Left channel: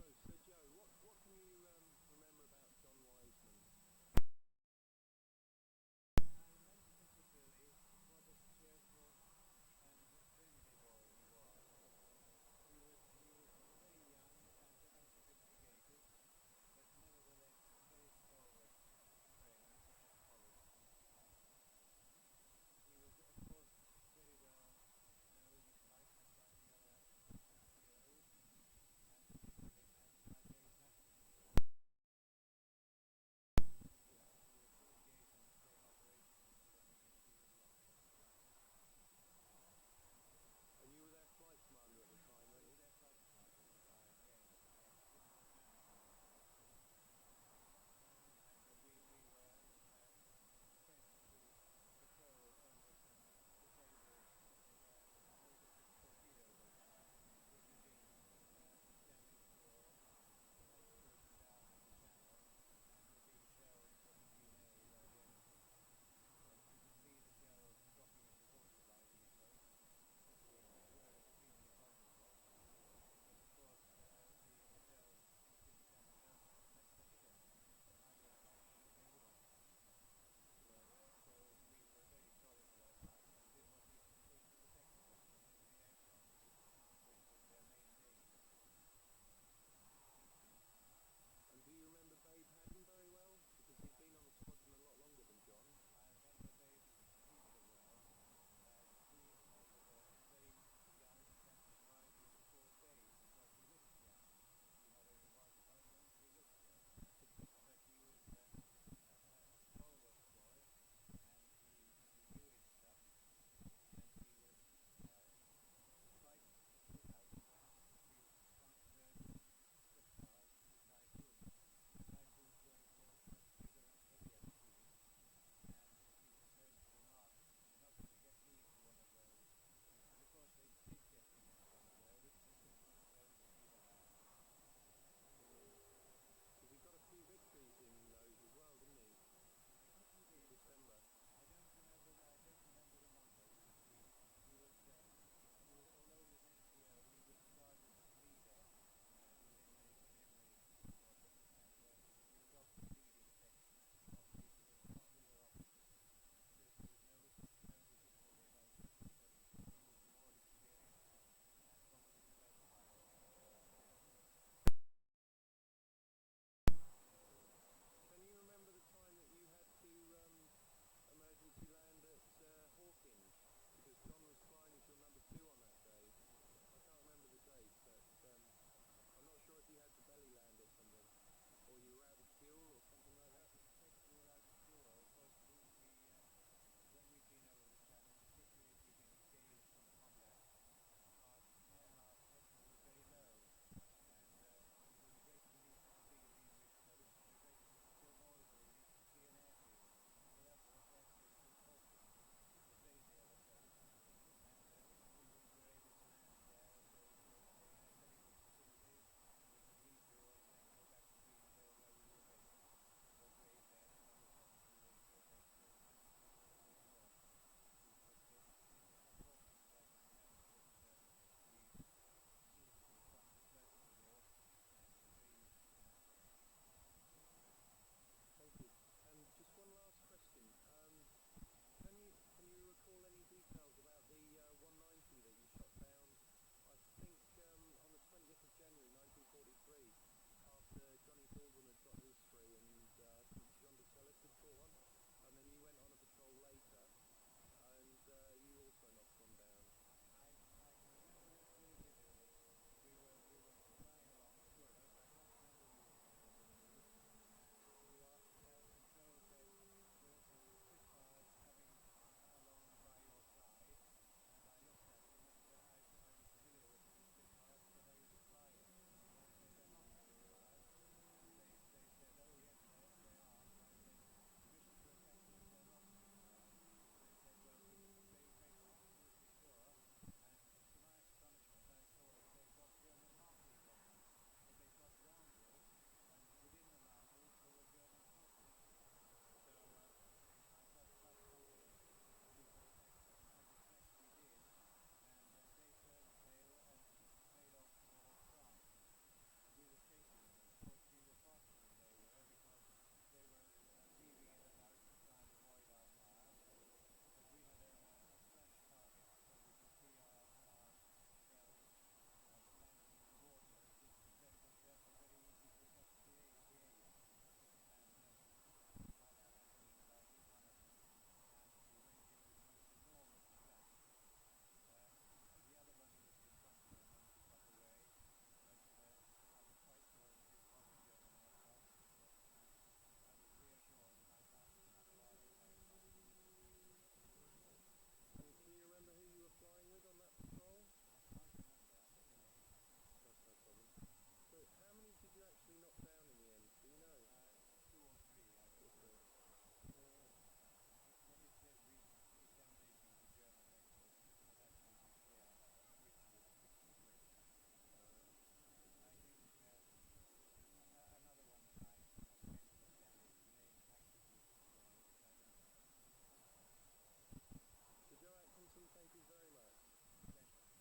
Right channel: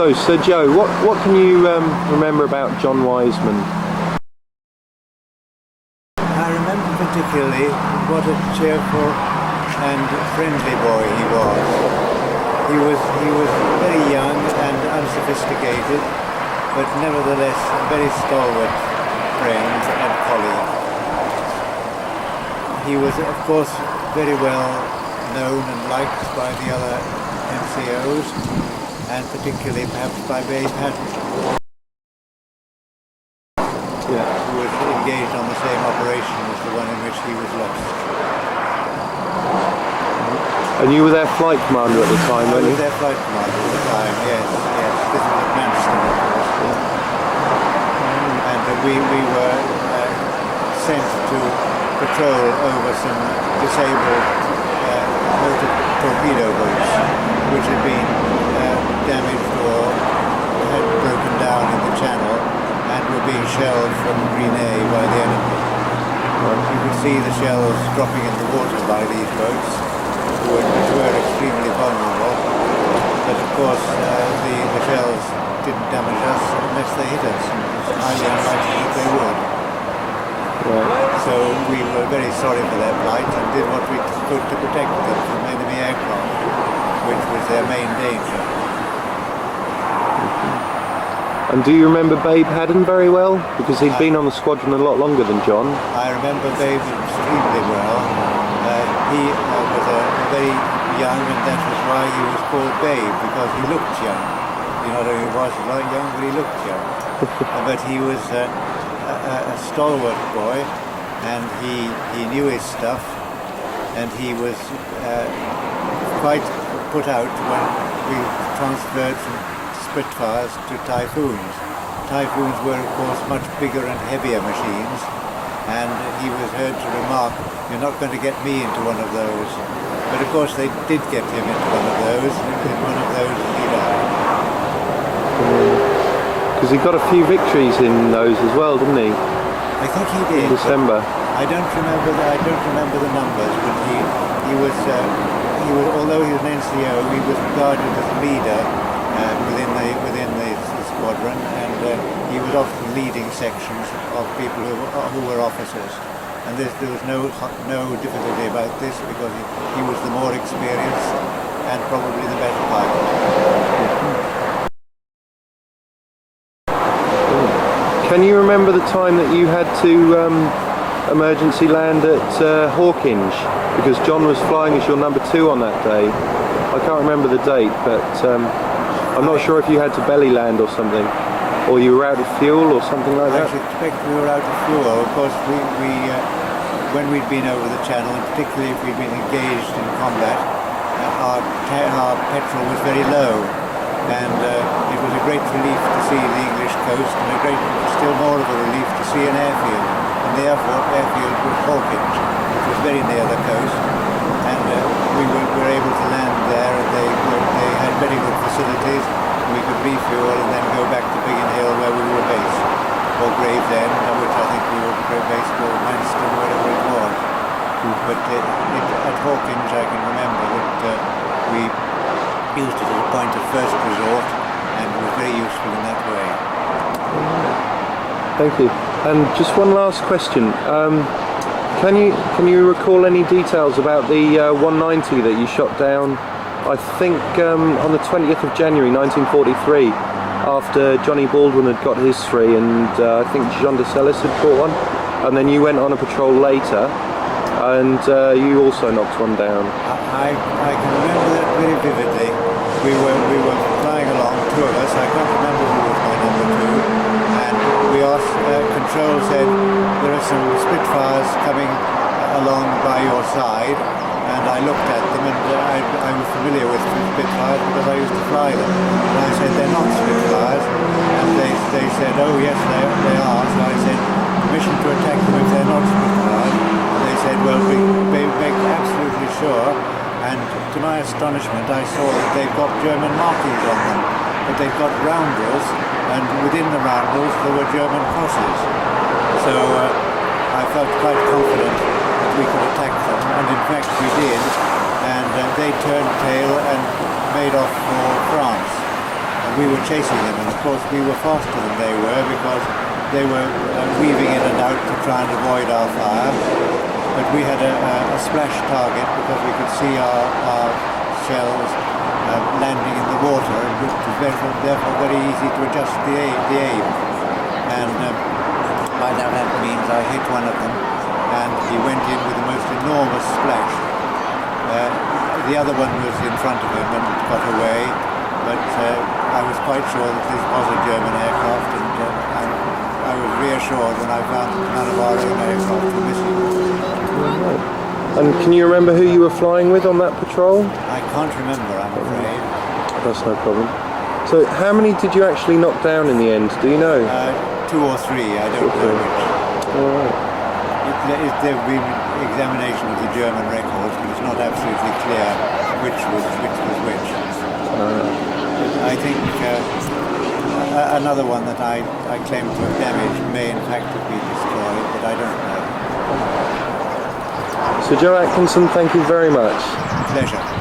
So, Sir Joe, what can you remember about John Wiseman? I remember particularly what a cheerful and friendly boy he was. He was very young and unsophisticated, but nevertheless a very stalwart friend and colleague. He was, of course, very well known and liked by the other NCOs, and particularly perhaps by Babe Haddon, who was engaged on the same operation as the one in which he was lost. And you were their flight commander at the time, weren't you? I was their flight commander at the time, yes. This was at Manchester, of course. And we were sent to patrol over some disabled motor torpedo boats which had been damaged or had broken down in the channel and were being shelled from Grenay by the enemy. You could see the shells dropping in the water by these boats, which were extremely vulnerable, but of course the shells didn't damage us unless they hit us. It was highly unlikely that they would. Right. So we were very sorry for their plight and did what we could to protect them from enemy aircraft, which was their main danger. And do you remember Babe Haddon very well? Because he'd been on the squadron a lot longer than John. I remember Babe extremely well. He was very young, and that was why he was called Babe, because he looked young. You know, he was not young, but he looked young. But he was a stalwart boy, and he knew his stuff, and he was quite put out when we transferred from Spitfires to Typhoons. Typhoons were, of course, much bigger and heavier machines, and he was heard to remark, "You're not going to get me into one of those." But of course they did get him into one of those, and in one of those he died. Because he got a few victories in those as well, didn't he? I think he did. In December. I don't remember the numbers, but he was although he was an NCO, he was regarded as a leader within the squadron, and he was often leading sections of people who were officers. And there was no difficulty about this, because he was the more experienced and probably the better pilot. Can you remember the time that you had to emergency land at Hawkinge? Because John was flying as your number 2 on that day. I can't remember the date, but I'm not sure if you had to belly land or something, or you were out of fuel or something like that. I suspect we were out of fuel. Of course, when we'd been over the channel, and particularly if we'd been engaged in combat, our petrol was very low, and it was a great relief to see the English coast, and still more of a relief to see an airfield. And the airfield was Hawkinge, which was very near the coast, and we were able to land there, and they had very good facilities. We could refuel and then go back to Biggin Hill, where we were based, or Gravesend, which I think we were based, or Manston, wherever it was. But at Hawkinge I can remember that we used it as a point of first resort, and it was very useful in that way. Thank you. And just one last question. Can you recall any details about the 190 that you shot down, I think on the 20th of January 1943, after Johnny Baldwin had got his 3, and I think Jean de Celis had caught one, and then you went on a patrol later, and you also knocked one down. I can remember that very vividly. We were flying along, 2 of us. I can't remember who was my number 2, and we asked, control said, "There are some Spitfires coming along by your side," and I looked at them, and I was familiar with Spitfires because I used to fly them, and I said, "They're not Spitfires," and they said, "Oh yes, they are." So I said, "Permission to attack them if they're not Spitfires?" And they said, "Well, we make absolutely sure," and to my astonishment I saw that they've got German markings on them, but they've got roundels, and within the roundels there were German crosses. So I felt quite confident that we could attack them, and in fact we did, and they turned tail and made off for France. we were chasing them, and of course we were faster than they were because they were weaving in and out to try and avoid our fire. But we had a splash target because we could see our shells landing in the water, and it was therefore very easy to adjust the aim. And by that means I hit one of them, and he went in with the most enormous splash. The other one was in front of him and got away, but I was quite sure that this was a German aircraft, and I was reassured when I found that none of our own aircraft were missing. And can you remember who you were flying with on that patrol? I can't remember, I'm afraid. That's no problem. So how many did you actually knock down in the end? Do you know? 2 or 3, I don't know which. All right. There have been examination of the German records, but it's not absolutely clear which was which. I think another one that I claim to have damaged may in fact have been destroyed, but I don't know. So Joe Atkinson, thank you very much. Pleasure.